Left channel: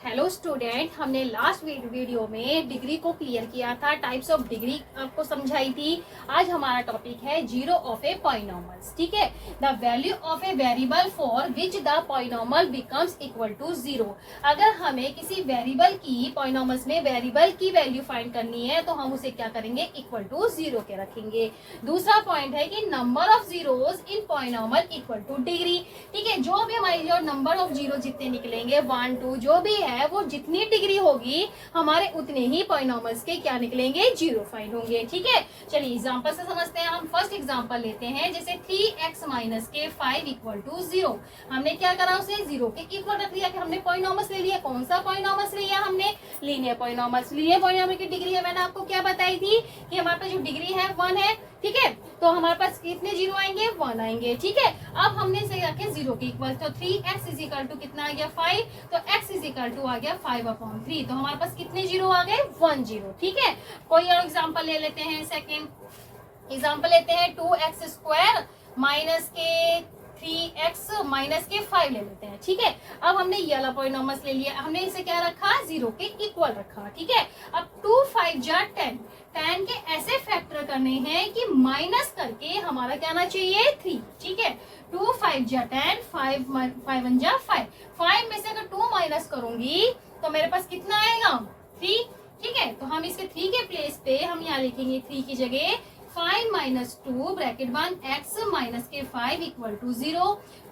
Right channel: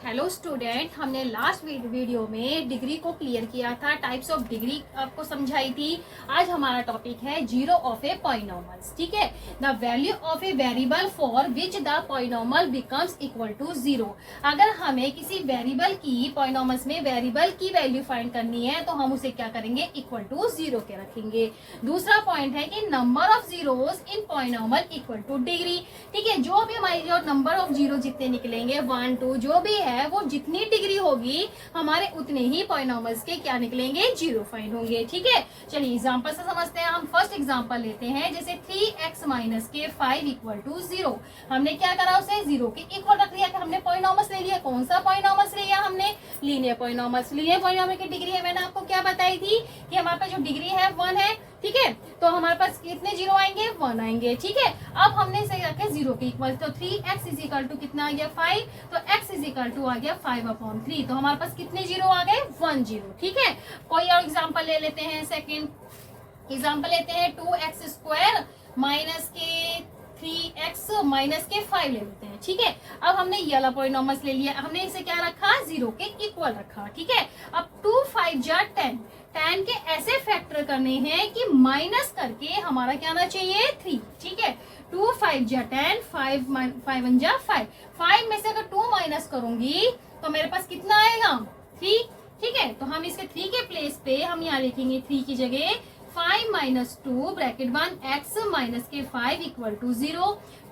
Hello student, हमने last video में degree को क्लियर किया था, टाइप्स ऑफ डिग्री आपको समझाई थी। आज हमारा टॉपिक है जीरो ऑफ ए पॉलिनोमल्स। ठीक है, the value of a variable for which the polynomial becomes equal to zero. अगर हमें किसी वेरिएबल की पॉलिनोमल्स में वेरिएबल की वैल्यू फाइंड करनी है तो हम उसे क्या करेंगे, इक्वल टू जीरो के रखेंगे। दूसरा पॉइंट है कि number of zeros in polynomial equal two degree. ठीक है, जो भी हमारी जो नंबर ऑफ जीरो जितने निकलेंगे 1 2 जो भी है वो जितनी डिग्री होगी हमारे उतने ही पॉलिनोमल्स के क्या निकलेंगे, जीरो फाइंड होंगे। ठीक है, चलिए एग्जांपल से समझते हैं। हम फर्स्ट एग्जांपल लेते हैं, जैसे 3x माइनस के 5 इक्वल टू जीरो। हमने क्या करा, उसे जीरो के इक्वल रख दिया कि हमने पॉलिनोमल्स ले लिया। कौन सा पॉलिनोमल्स लिया हमने, लीनियर पॉलिनोमल्स। लीनियर पॉलिनोमल की डिग्री है, मैंने आपको क्या बताई थी कि हमारे पास जो डिग्री है 1 है। ठीक है, तो हमारे पास कितने जीरो आएंगे, 1 आएंगे। ठीक है, अब हमने इसे रखे जीरो के इक्वल, तो 3x इज इक्वल टू कितना आ गया 5, तो x इज इक्वल टू आ गया 5/3। तो हमारे पास कितने जीरो आ गए, 1 जीरो। ठीक है, कोई और एग्जांपल ले लेते हैं। सेकंड एग्जांपल लेते हैं, 2x स्क्वायर माइनस के 3x माइनस के 5 ले लेते हैं। ठीक है, अब हमने ये वाला पॉलिनोमल्स ले लिया, हमने इसे क्या रखा, जीरो के इक्वल रखा। ठीक है, अब 2 5 जा 10, 10 के ऐसे फैक्टर करने हैं कि माइनस करके हमारा क्या आना चाहिए, 3। ठीक है, 2 5 जा 10, 5 1 जा 5, 5 में से अगर 2 माइनस करूंगी तो मेरे पास कितना आएगा, 3। ठीक है, तो हम इसके 3 के प्लेस पे हम यहाँ लिखेंगे 3 की जगह 5 माइनस 2 ब्रैकेट 1 x माइनस के 5 equal to 0,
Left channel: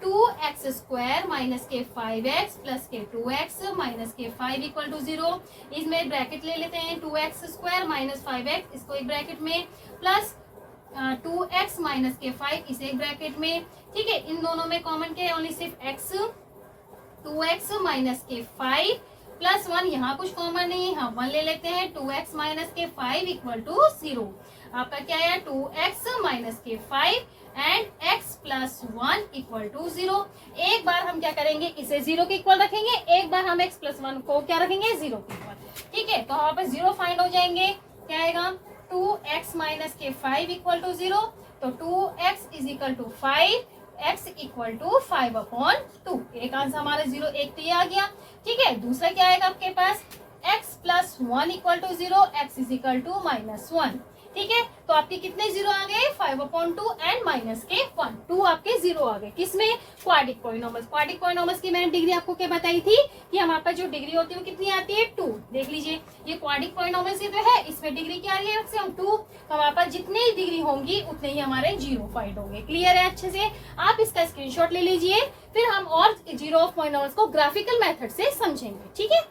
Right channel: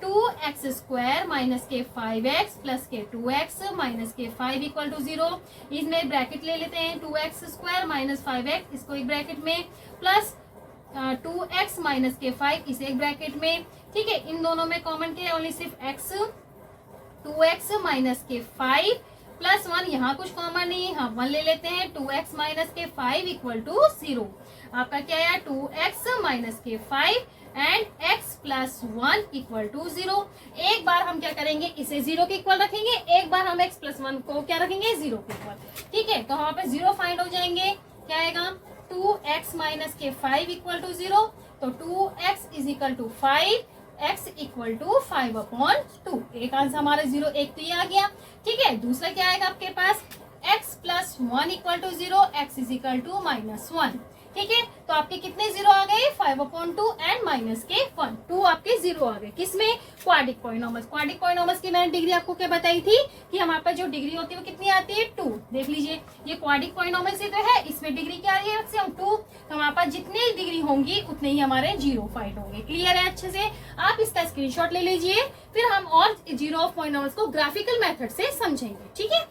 2x square minus के 5x प्लस के 2x माइनस के 5 इक्वल टू 0। इसमें ब्रैकेट ले लेते हैं, 2x स्क्वायर माइनस 5x इसको एक ब्रैकेट में, प्लस 2x माइनस के 5 इसे एक ब्रैकेट में। ठीक है, इन दोनों में कॉमन के ओनली सिर्फ x, 2x माइनस के 5 प्लस 1, यहाँ कुछ कॉमन नहीं है, हम 1 ले लेते हैं। 2x माइनस के 5 इक्वल टू 0। आपका क्या है, 2x माइनस के 5 and x plus 1 equal to 0। एक बार हम क्या करेंगे, इसे 0 के इक्वल रखेंगे, एक बार हम x प्लस 1 को क्या रखेंगे, 0 के इक्वल। ठीक है, तो हमारे पास 0 फाइंड हो जाएंगे। क्या आएगा, 2x माइनस के 5 इक्वल टू 0, तो 2x is equal to 5, x equal to 5/2। एक आंसर हमारा 0, एक तो ये आ गया। ठीक है, दूसरा क्या आएगा आपके पास, x plus 1 equal to 0, x is equal to -1। ठीक है, तो आपके कितने जीरो आ गए, 5/2 एंड माइनस के 1, 2 आपके जीरो आ गए। किसमें, क्वाड्रिक पॉलिनोमल्स। क्वाड्रिक पॉलिनोमल्स की मैंने डिग्री आपको क्या बताई थी कि हमारे पास जो डिग्री होती है वो कितनी आती है, 2। देख लीजिए, ये क्वाड्रिक पॉलिनोमल्स ही तो है, इसमें डिग्री क्या आ रही है, 2। तो हमारे पास जितनी डिग्री होंगी उतने ही हमारे जीरो फाइंड होंगे। क्लियर है अच्छे से, आप इसका स्क्रीनशॉट ले लीजिए, फिर हम और जीरो ऑफ पॉलिनोमल्स को ग्राफिकल मेथड से समझेंगे। ठीक है,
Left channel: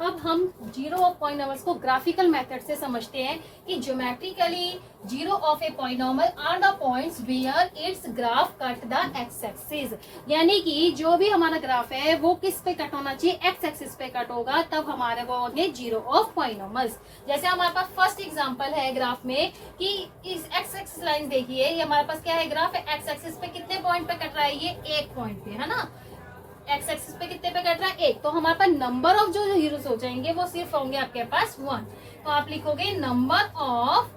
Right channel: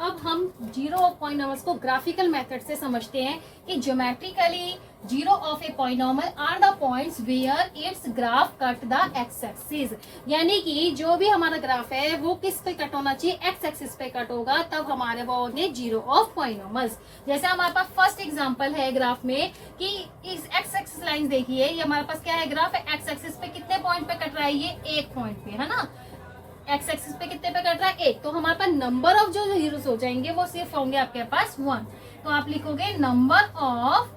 अब हम जीरो ऑफ पॉलिनोमल्स को ग्राफिकल मेथड से समझते हैं कि geometrically zero of a polynomial are the points where its graph cut the x axis. यानी कि जो भी हमारा ग्राफ है वो किस पे कट होना चाहिए, एक्स एक्सिस पे कट होगा, तब हमारे वो होंगे जीरो ऑफ पॉलिनोमल्स। जैसे हमारे पास फर्स्ट एग्जांपल है ग्राफ में कि इस एक्स एक्सिस लाइन देखिए, ये हमारे पास क्या है, ग्राफ है, एक्स एक्सिस पे कितने पॉइंट पे कट रहा है, ये एक पॉइंट पे है ना। एक्स एक्सिस पे कितने पे कट रहा है, एक, तो हमारे पास नंबर ऑफ जो जीरोस हो जाएंगे वो सिर्फ होंगे आपके पास 1। तो आप लिखोगे नंबर ऑफ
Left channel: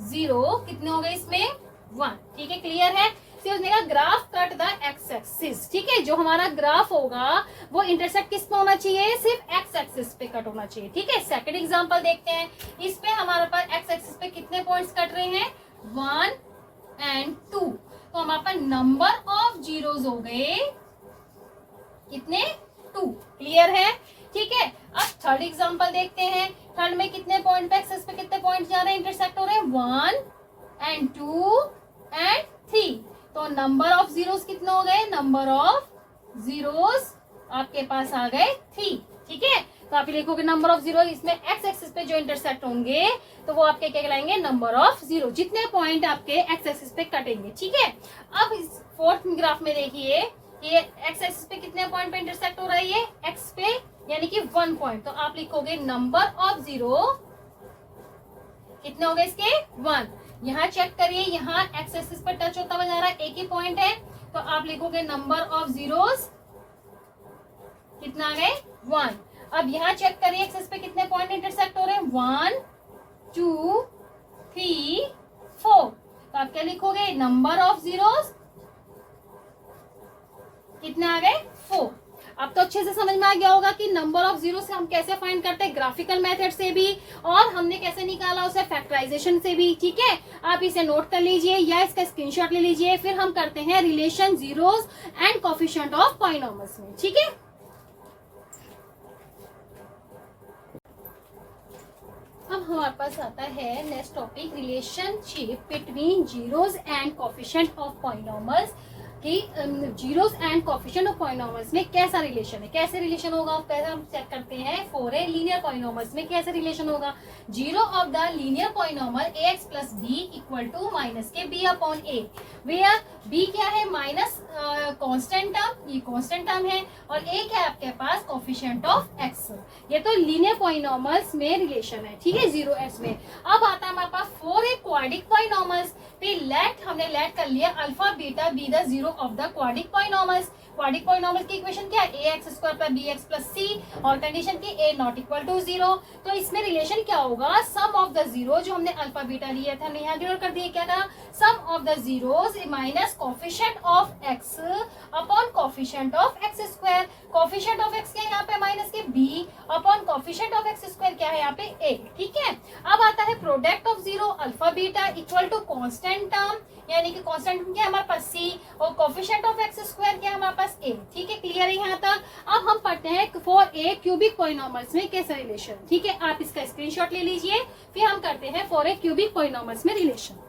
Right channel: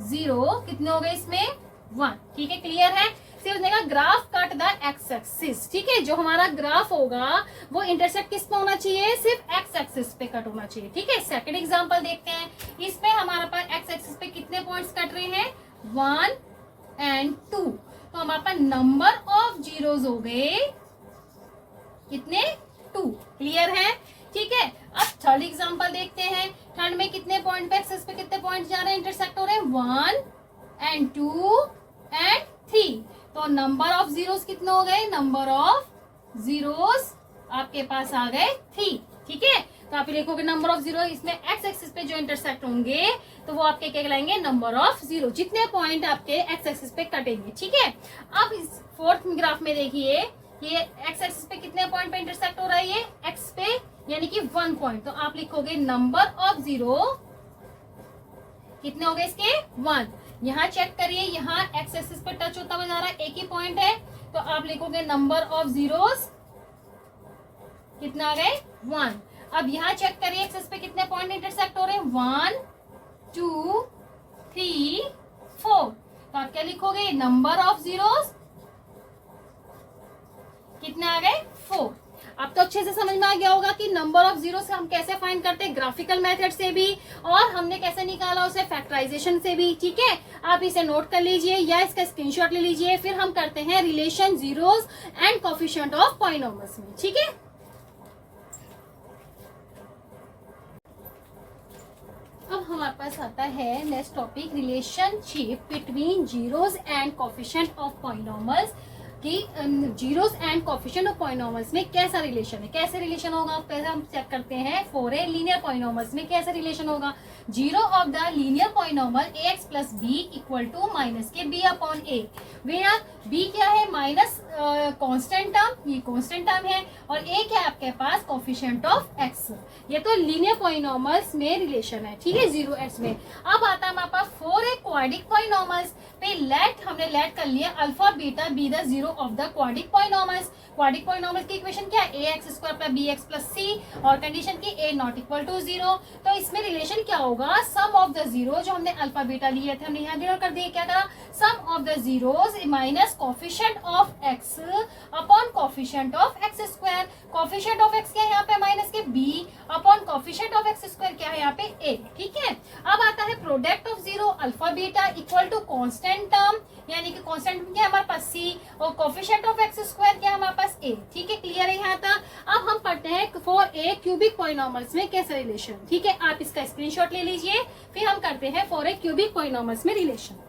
जीरो कितने हो गए इसमें, 1। ठीक है, क्लियर है। फिर उसने कहा graph cut the x axis. ठीक है, जो हमारा ग्राफ होगा वो इंटरसेक्ट किस पे होना चाहिए, सिर्फ एक्स एक्सिस पे कट होना चाहिए। ठीक है, सेकंड एग्जांपल देखते हैं। इसमें हमारे पास एक्स एक्सिस पे कितने पॉइंट्स कट रहे हैं, 1 एंड 2। तो हमारे पास नंबर ऑफ जीरोस हो गए कितने, 2। क्लियर है। ठीक है, अब थर्ड एग्जांपल देखते हैं। थर्ड में कितने पॉइंट पे एक्सेस पे कितने पॉइंट जा रहे हैं, इंटरसेक्ट हो रहे हैं, 1 एंड 2 एंड 3। तो नंबर ऑफ जीरोस कितने हो गए, नंबर ऑफ जीरोस आपके पास आ गए 3। ठीक है, तो आप लिखोगे नंबर ऑफ जीरो, इसमें एक्स एक्सिस पे जो इंटरसेक्ट होंगे तो वो आपके क्या कहलाएंगे, नंबर ऑफ जीरो, जितने पॉइंट आपके एक्स एक्सिस पे कटेंगे। ठीक है, अब इस फोर्थ ग्राफ में देखिए, ये एक्स एक्सिस पे कितने पॉइंट पे इंटरसेक्ट हो रहा है, ये एक्स पे यानी कि 1 पॉइंट। तो आप लिखोगे नंबर ऑफ जीरो कितने हो गए इसके, 1। यहाँ चेक करिए, यहाँ एक्स एक्सिस पे टच होता हुआ जा रहा है, एक ही पॉइंट है, तो आप लिखोगे नंबर ऑफ जीरोस कितना आ गए, 1। अब यहाँ चेक करिए एक्सिस पे कितने पॉइंट इंटरसेक्ट हो रहे हैं, 1 2 3 4। तो आप क्या लिखोगे, नंबर ऑफ जीरोस कितने आ गए 4। अब तो अच्छे से समझ में आ गया होगा कि नंबर ऑफ जीरो से हम कैसे फाइंड करते हैं, ग्राफिकल मेथड से भी, और हमने कैसे निकाला उसे फैक्टराइजेशन से भी। ठीक है, आप इसे नोट कर लीजिए या इसका स्क्रीनशॉट ले लीजिए। फिर हम करते हैं relation zeros and coefficient of polynomials में। ठीक है, अब हमारे पास आता है next topic, relationship between zeros and coefficient of polynomials. कि zeros and coefficient of polynomials में कैसा रिलेशन है, कैसे रिलेशन होगा। पहले हम चेक करते हैं फॉर ए लीनियर पॉलिनॉमियल्स में कैसा रिलेशन होगा। Zero of the linear polynomial ax plus b equal to minus के b upon a, where b क्या है, माइनस कांस्टेंट टर्म, ये कांस्टेंट टर्म है, और ए क्या है आपके पास, कोफिशिएंट ऑफ एक्स। ये तो लीनियर पॉलिनॉमियल्स में रिलेशन है। ठीक है, जीरो एक्स में। अब आता है हमारे पास फॉर ए क्वाड्रिक पॉलिनॉमियल्स पे हमने लेट कर लिया alpha beta be the zero of the quadric polynomials. Quadratic polynomial की इक्वेशन क्या है, a x square plus b x plus c, और कंडीशन की a not equal to zero. तो इसमें रिलेशन क्या होगा, सम ऑफ द जीरो, जो हमने अल्फा बीटा लिए थे हमने यहाँ डिनोट कर दिया, क्या करा, sum of the zeros minus coefficient of x upon coefficient of x square. Coefficient of x क्या है यहाँ पे, माइनस के b upon coefficient of x square क्या है यहाँ पे ए। ठीक है, अब आता है product of zero alpha beta equal to constant term, यानी कि कांस्टेंट क्या है हमारे पास सी, और कोफिशिएंट ऑफ एक्स स्क्वायर क्या है हमारे पास ए। ठीक है, क्लियर है यहाँ तक। अब हम पढ़ते हैं फॉर ए क्यूबिक पॉलिनॉमियल्स में कैसा रिलेशन। ठीक है, आप इसका स्क्रीनशॉट ले लीजिए, फिर हम करते हैं फॉर ए क्यूबिक पॉलिनॉमियल्स में रिलेशन।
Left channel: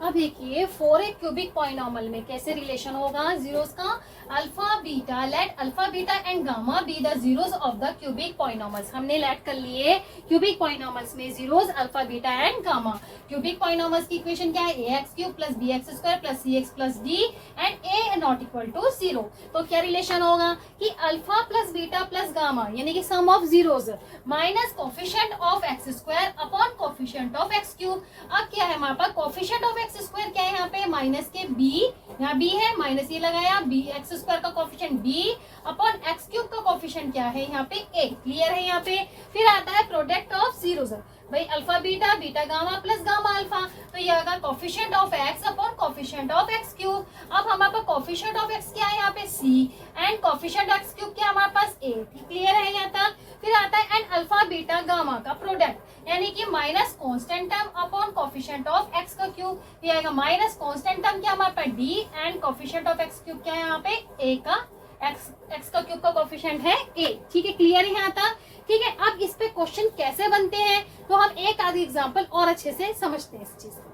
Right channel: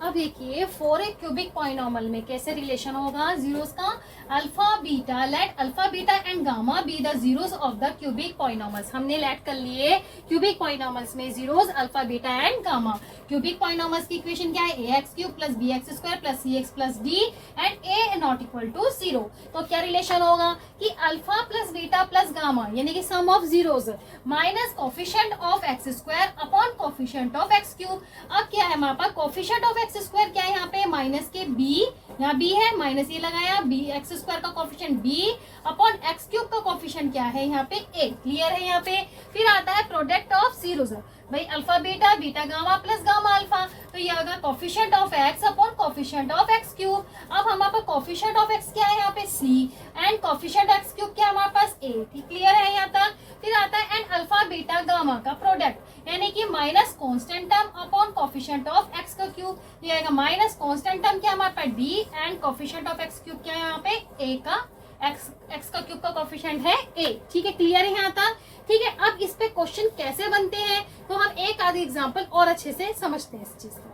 अब देखिए फॉर ए क्यूबिक पॉलिनॉमियल में कैसे रिलेशन होगा जीरोस का, alpha beta, let alpha beta and gamma be the zeros of the cubic polynomials. हमने लेट कर लिए क्यूबिक पॉलिनॉमियल्स में zeros alpha beta and gamma. Cubic polynomials की इक्वेशन क्या है, a x cube plus b x square plus c x plus d and a not equal to zero. तो क्या relation होगा कि alpha plus beta plus gamma, यानी कि sum of zeros minus coefficient of x square upon coefficient of x cube. अब क्या है हमारे पास, कोफिशिएंट ऑफ एक्स स्क्वायर क्या है यहाँ पे, माइनस के बी, यहाँ बी है, माइनस ये लगाया, बी एक्स स्क्वायर का coefficient b upon x cube का कोफिशिएंट क्या है यहाँ पे ए। क्लियर है यहाँ पे। फिर आता है प्रोडक्ट ऑफ जीरोस, भाई alpha beta, beta gamma plus gamma alpha, तो ये होगा coefficient of x upon coefficient of x cube. अब हमारे पास कोफिशिएंट ऑफ एक्स क्या है यहाँ पे सी, एंड कोफिशिएंट एक्स क्यूब क्या है हमारे पास ए। क्लियर है यहाँ तक। फिर आता है एंड अल्फा बीटा गामा का प्रोडक्ट, यानी कि minus constant term upon coefficient of x का क्यूब, ये आएगा माइनस कांस्टेंट टर्म क्या हमारे पास d and coefficient of x cube क्या है यहाँ पे ए का, एक्स का क्यूब का कोफिशिएंट है ए। ठीक है, क्लियर है यहाँ तक। ठीक है, अब इस पे क्वेश्चन कैसे बनते हैं तो हम एक आधी एग्जांपल और अच्छे से समझते हैं इस चीज को।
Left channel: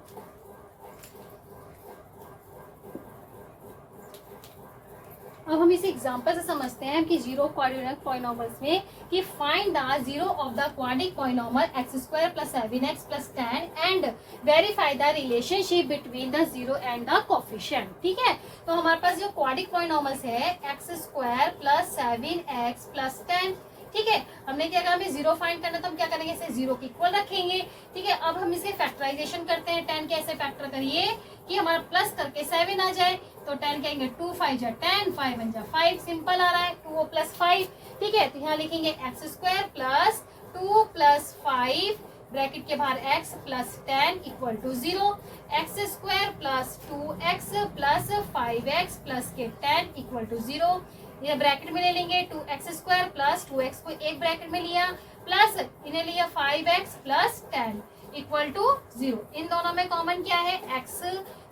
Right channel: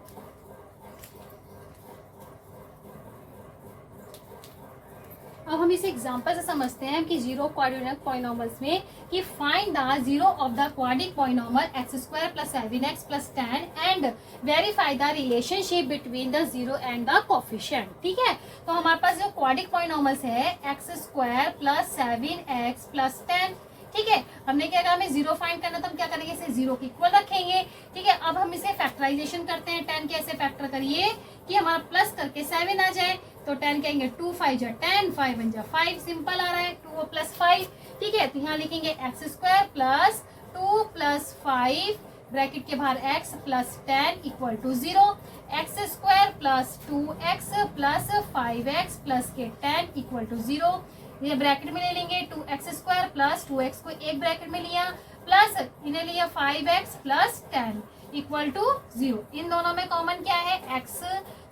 अब हम इसे एग्जांपल से समझते हैं कि जीरो क्वाड्रेटिक पॉलिनॉमियल्स में कि find the zero of the quadratic polynomial x square plus 7x plus 10 and verify the relationship between the zero and the coefficient. ठीक है, तो हमारे पास जो क्वाड्रेटिक पॉलिनॉमियल्स है x square plus 7x plus 10। ठीक है, हमने क्या कहा, हमें जीरो फाइंड करना, तो हम क्या करेंगे, इसे जीरो के इक्वल रखेंगे। ठीक है, अब हम इसे फैक्टराइजेशन करते हैं। 10 कैसे फैक्टर करिए कि हमारा प्लस करके 7 आ जाए, तो 10 कहेंगे 2 5 जा 10, 5 1 जा 5, सिंपल आ रहा है, 2 प्लस 5। ठीक है, तो यहाँ लिखेंगे x square plus 2 plus 5 bracket के बाहर x plus 10 equal to 0, x square plus 2x plus 5x plus के 10 इक्वल टू 0। ये ब्रैकेट में ले लेंगे 2x स्क्वायर प्लस 2x को एक ब्रैकेट में लिया, प्लस इन्हें लिया 5x प्लस 10 इक्वल टू 0। इन दोनों में कॉमन क्या है x,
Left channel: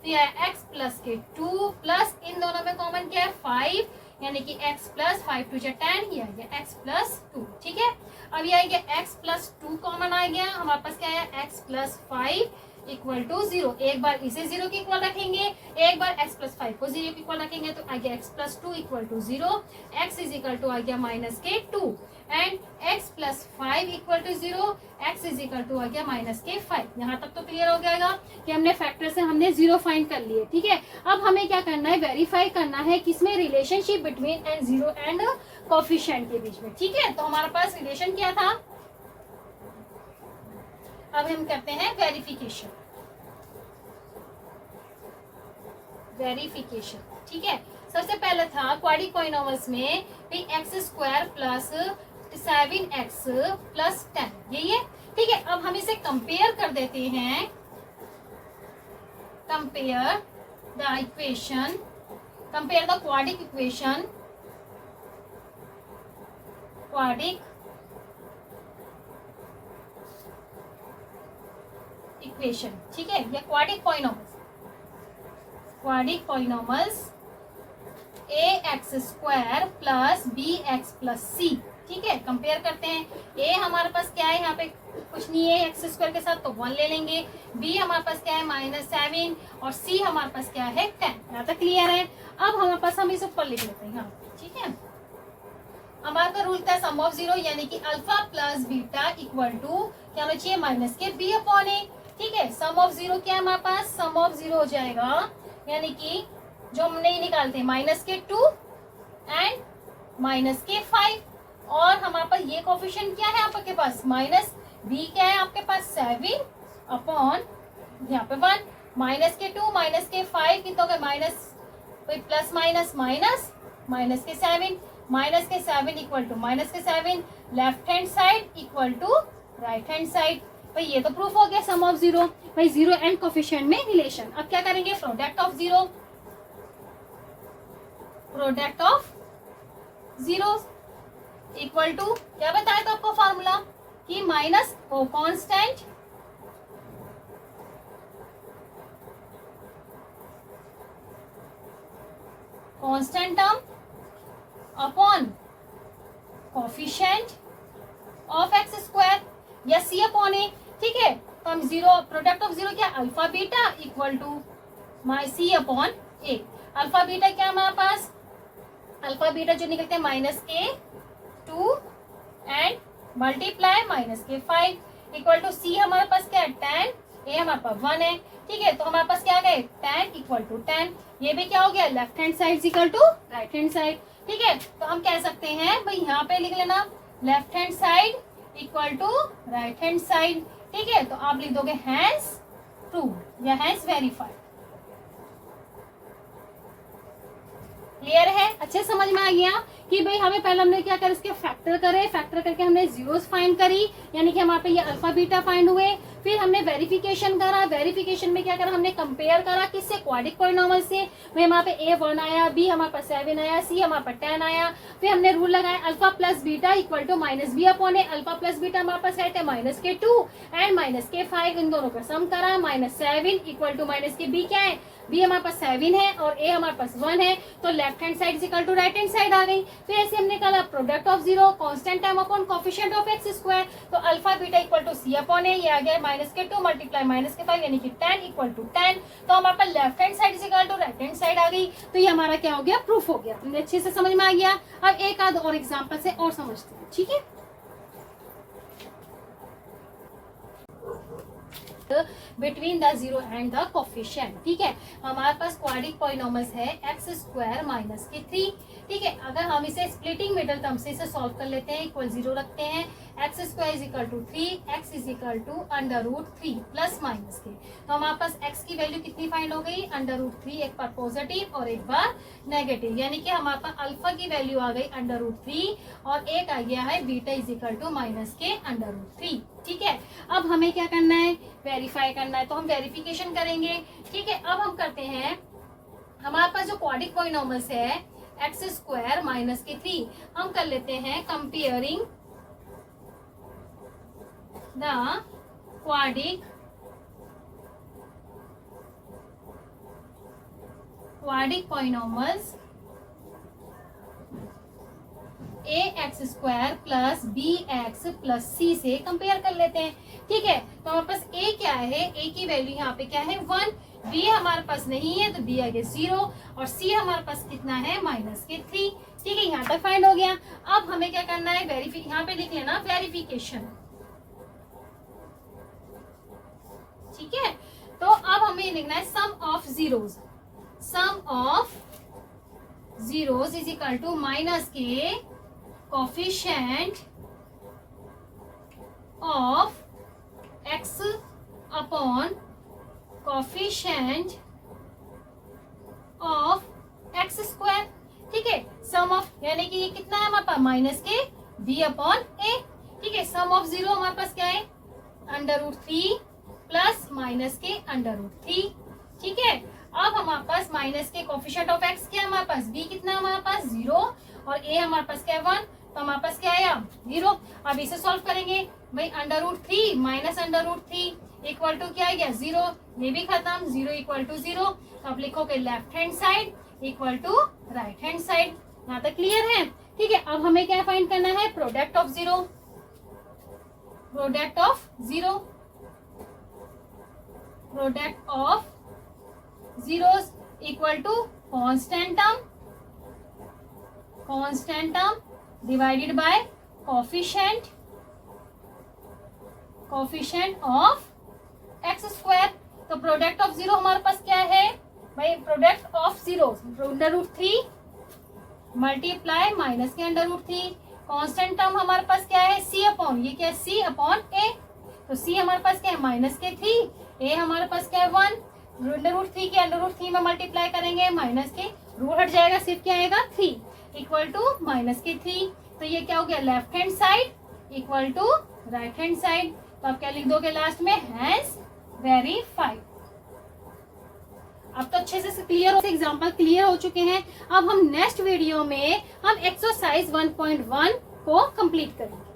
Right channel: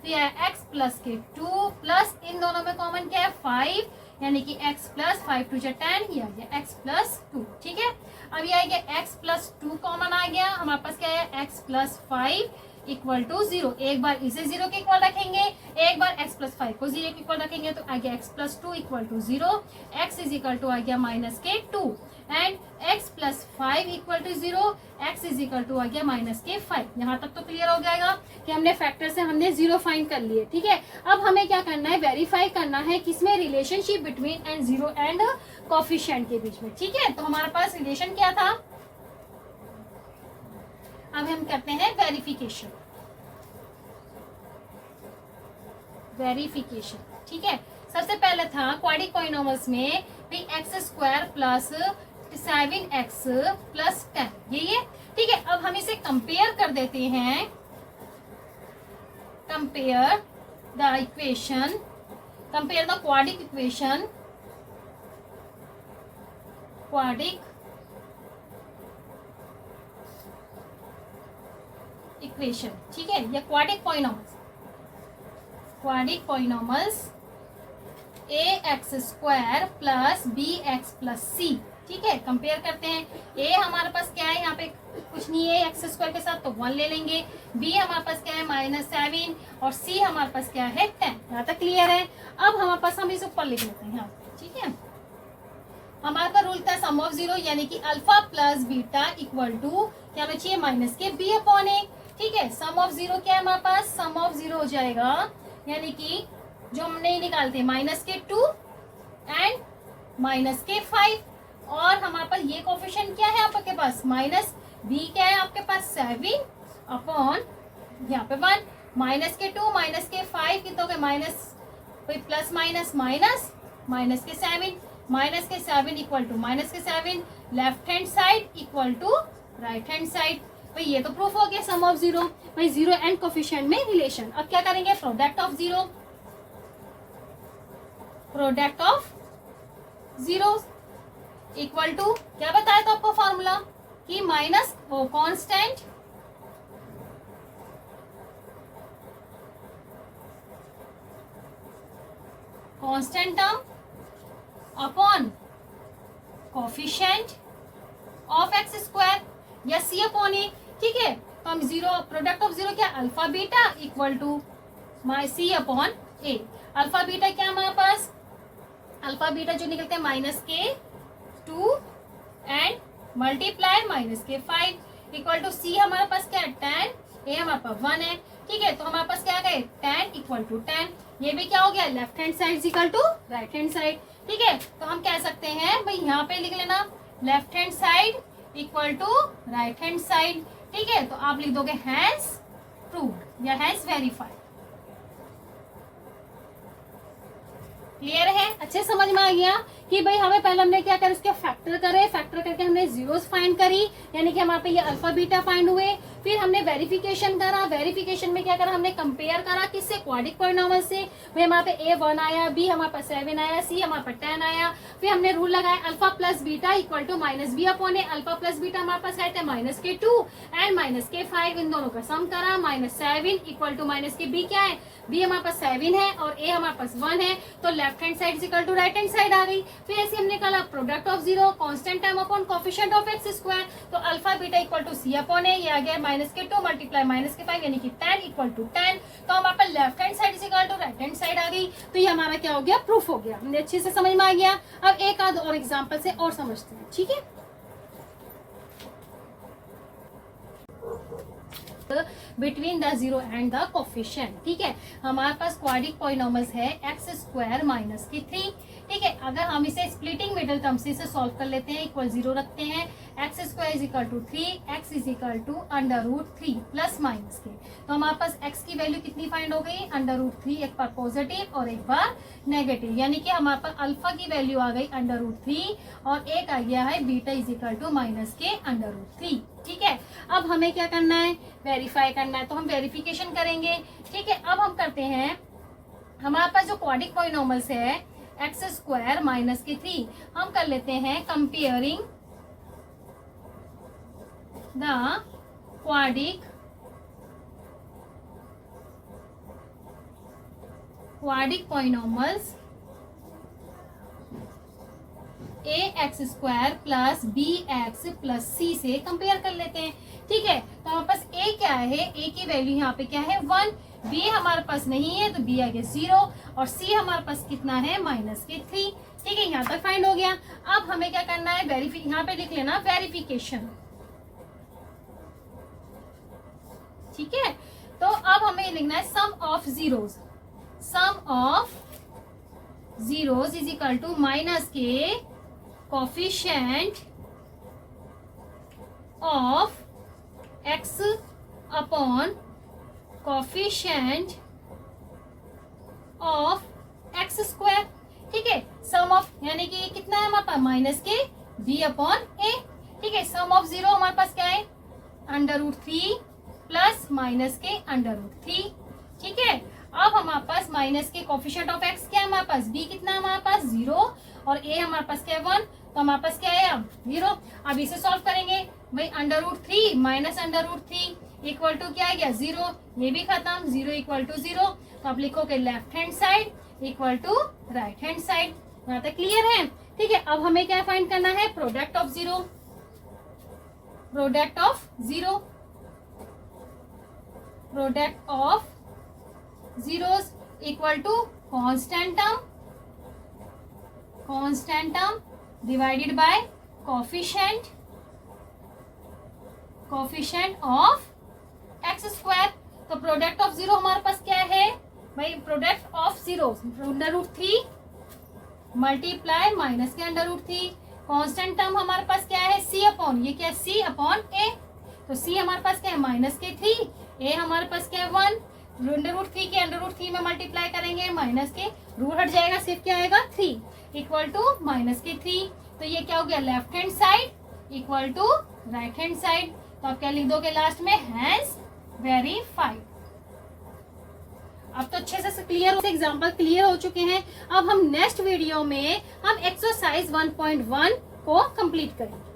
तो यह x प्लस के 2 प्लस इन दोनों में कॉमन क्या है 5, यानी कि x प्लस 5 टू 10, या x प्लस 2। ठीक है, अब यह आ गया x प्लस 2 कॉमन आ गया, हमारे पास क्या है x प्लस 5 इक्वल टू 0। एक बार इसे 0 के इक्वल रखेंगे, एक बार x प्लस 5 को 0 के इक्वल रखेंगे, तो आ गया x plus 2 equal to 0, x is equal to आ गया माइनस के 2 and x plus 5 equal to 0, x is equal to आ गया माइनस के 5। यहाँ तक तो क्लियर हो जाएगा कि हमने फैक्टर से हमने 0 फाइंड कर लिए। ठीक है, अब हमें क्या करना है, वेरीफाई करना है किसमें, relationship between and zero and coefficient के बीच में। ठीक है, तो हमारे पास रिलेशन क्या था, अब हम करते हैं वेरिफिकेशन। ठीक है, सबसे पहले था क्वाड्रेटिक पॉलिनॉमियल्स में x square plus 7x plus 10, यही है। ठीक है, अब हम इसे कंपेयर कर देते हैं, compare the equation, compare the quadratic equation, quadratic equation, ठीक है, या quadratic polynomials, quadratic polynomials a x square plus b x plus c, ठीक है, कंपेयर करते हैं। ए हमारे पास क्या है, यहाँ पे कुछ नहीं है एक्स स्क्वायर के साथ, तो 1 ले लेंगे। बी हमारे पास क्या है -7, और सी हमारे पास क्या है 10। यहाँ तक क्लियर है। अब हमारे पास हम इस ऊपर लिख लेते हैं यहाँ पे, ठीक है। हमारा का रूल था सम ऑफ 0, यानी कि alpha plus beta equal to क्या होना चाहिए, माइनस के बी अपॉन ए, ठीक है। सम ऑफ 0 क्या है हमारे पास, सम ऑफ 0 हो जाएगा, यानी कि जो हमने निकालते हैं -2 एंड -5, और हमारे पास ये कोफिशिएंट क्या है आपके पास, माइनस बी क्या है आपके पास 7 अपॉन यहाँ पे 1, -2 -5 कितना हो गया, minus plus minus minus -7, -7 equal to -7, left hand side equal to right hand side. भाई ये तो प्रूफ हो गया सम ऑफ 0। भाई 0 एंड कोफिशिएंट में रिलेशन। अब क्या करेंगे, product of 0, product of 0 equal to क्या बताया था आपको फॉर्मूला, कि माइनस वो constant term upon coefficient of x square या सी अपॉन ए, ठीक है। तो हम 0 प्रोडक्ट ऑफ 0 क्या, alpha beta equal to c upon a. Alpha beta क्या हमारे पास, अल्फा बीटा जो निकलते हैं -2 and multiply -5 equal to c हमारे पास क्या है 10, ए हमारे पास 1 है, ठीक है। तो हमारे पास क्या गए 10 इक्वल टू 10, ये भी क्या हो गया, left hand side equal to right hand side, ठीक है। तो हम कह सकते हैं भाई यहाँ पे लिख लेना left hand side equal to right hand side, ठीक है। तो आप लिख दोगे हैंस प्रूव्ड या हैंस वेरीफाइड। क्लियर है, अच्छे समझ में आ गया कि भाई हमें पहले हमने क्या करा, उसके फैक्टर करे, फैक्टर करके हमने जीरोस फाइंड करी, यानी कि हमारे पे ये अल्फा बीटा फाइंड हुए। फिर हमने वेरिफिकेशन करा, वेरिफिकेशन में क्या करा, हमने कंपेयर करा किससे, क्वाड्रिक पॉलिनॉमियल से। भाई हमारे पे ए 1 आया, बी हमारे पास 7 आया, सी हमारे पास 10 आया। फिर हमने रूल लगाया alpha plus beta equal to minus b upon a. Alpha plus beta हमारे पास है -2 एंड -5, इन दोनों का सम करा, -7 इक्वल टू माइनस की बी क्या है, बी हमारे पास 7 है और ए हमारे पास 1 है, तो left hand side equal to right hand side आ गई। फिर ऐसे हमने निकाला product of 0 constant term upon coefficient of x square, तो alpha beta equal to c upon a, ये आ गया -2 मल्टीप्लाई -5 यानी कि 10 इक्वल टू 10। तो हमारे पास left hand side equal to right hand side आ गई। तो ये हमारा क्या हो गया, प्रूफ हो गया। हमने अच्छे से समझ में आ गया। अब एक आध और एग्जाम्पल से और समझते हैं, ठीक है। Between the 0 and the coefficient, ठीक है। हमारे पास क्वाड्रिक पॉलिनॉमियल्स है एक्स स्क्वायर -3, ठीक है। अगर हम इसे स्प्लिटिंग मिडल टर्म से इसे सॉल्व कर लेते हैं, इक्वल 0 रखते हैं, x square is equal to 3, x is equal to √3 plus minus के। तो हमारे पास एक्स की वैल्यू कितनी फाइंड हो गई, √3, एक बार पॉजिटिव और एक बार नेगेटिव, यानी कि हमारे पास अल्फा की वैल्यू आ गई √3 और एक आ गया है beta is equal to minus के √3, ठीक है। अब हमें क्या करना है, वेरीफाई करना है, तो हम वेरिफिकेशन करेंगे, ठीक है। अब हम करते हैं, हमारे पास जो क्वाड्रिक पॉलिनॉमियल्स है एक्स स्क्वायर -3, हम कर लेते हैं comparing the quadric polynomials a x square plus b x plus c से कंपेयर कर लेते हैं, ठीक है। तो हमारे पास ए क्या है, ए की वैल्यू यहाँ पे क्या है 1, बी हमारे पास नहीं है तो बी आगे 0 और सी हमारे पास कितना है -3, ठीक है। यहाँ तक फाइंड हो गया। अब हमें क्या करना है, यहाँ पे लिख लेना वेरिफिकेशन, ठीक है। तो अब हमें लिखना है sum of zeros, sum of zeros is equal to minus के coefficient of x upon coefficient of x square, ठीक है। सम ऑफ यानी कि ये कितना है हमारे पास माइनस के बी अपॉन ए, ठीक है। सम ऑफ 0 हमारे पास क्या है √3 प्लस माइनस के √3, ठीक है। अब हमारे पास माइनस के कोफिशिएंट ऑफ एक्स क्या है हमारे पास, बी कितना है हमारे पास 0 और ए हमारे पास क्या है 1, तो हमारे पास क्या है अब 0। अब इसे सॉल्व करेंगे भाई, √3 माइनस √3 इक्वल टू क्या है गया 0, ये भी खत्म, 0 इक्वल टू 0। तो आप लिखोगे left hand side equal to right hand side. यहाँ तक क्लियर है? ठीक है, अब हमें क्या फाइंड करना है, product of 0, product of 0, product of zeros equal to constant term divided by coefficient of x square. तो प्रोडक्ट ऑफ 0 हमारे पास क्या है भाई, प्रोडक्ट ऑफ 0 √3 मल्टीप्लाई माइनस के √3, कांस्टेंट टर्म हमारे पास क्या है c अपॉन, ये क्या है c अपॉन a, तो c हमारे पास क्या है माइनस के 3, a हमारे पास क्या है 1, √3 के √3 में मल्टीप्लाई करेंगे, माइनस के रूट हट जाएगा, सिर्फ क्या आएगा 3 इक्वल टू माइनस के 3। तो ये क्या हो गया, left hand side equal to right hand side. तो आप क्या लिख दोगे लास्ट में, हैंस वेरीफाइड। अब तो अच्छे से क्लियर, एग्जाम्पल क्लियर हो चुके हैं। अब हम नेक्स्ट वीडियो में हम एक्सरसाइज 1.1 को कंप्लीट करेंगे।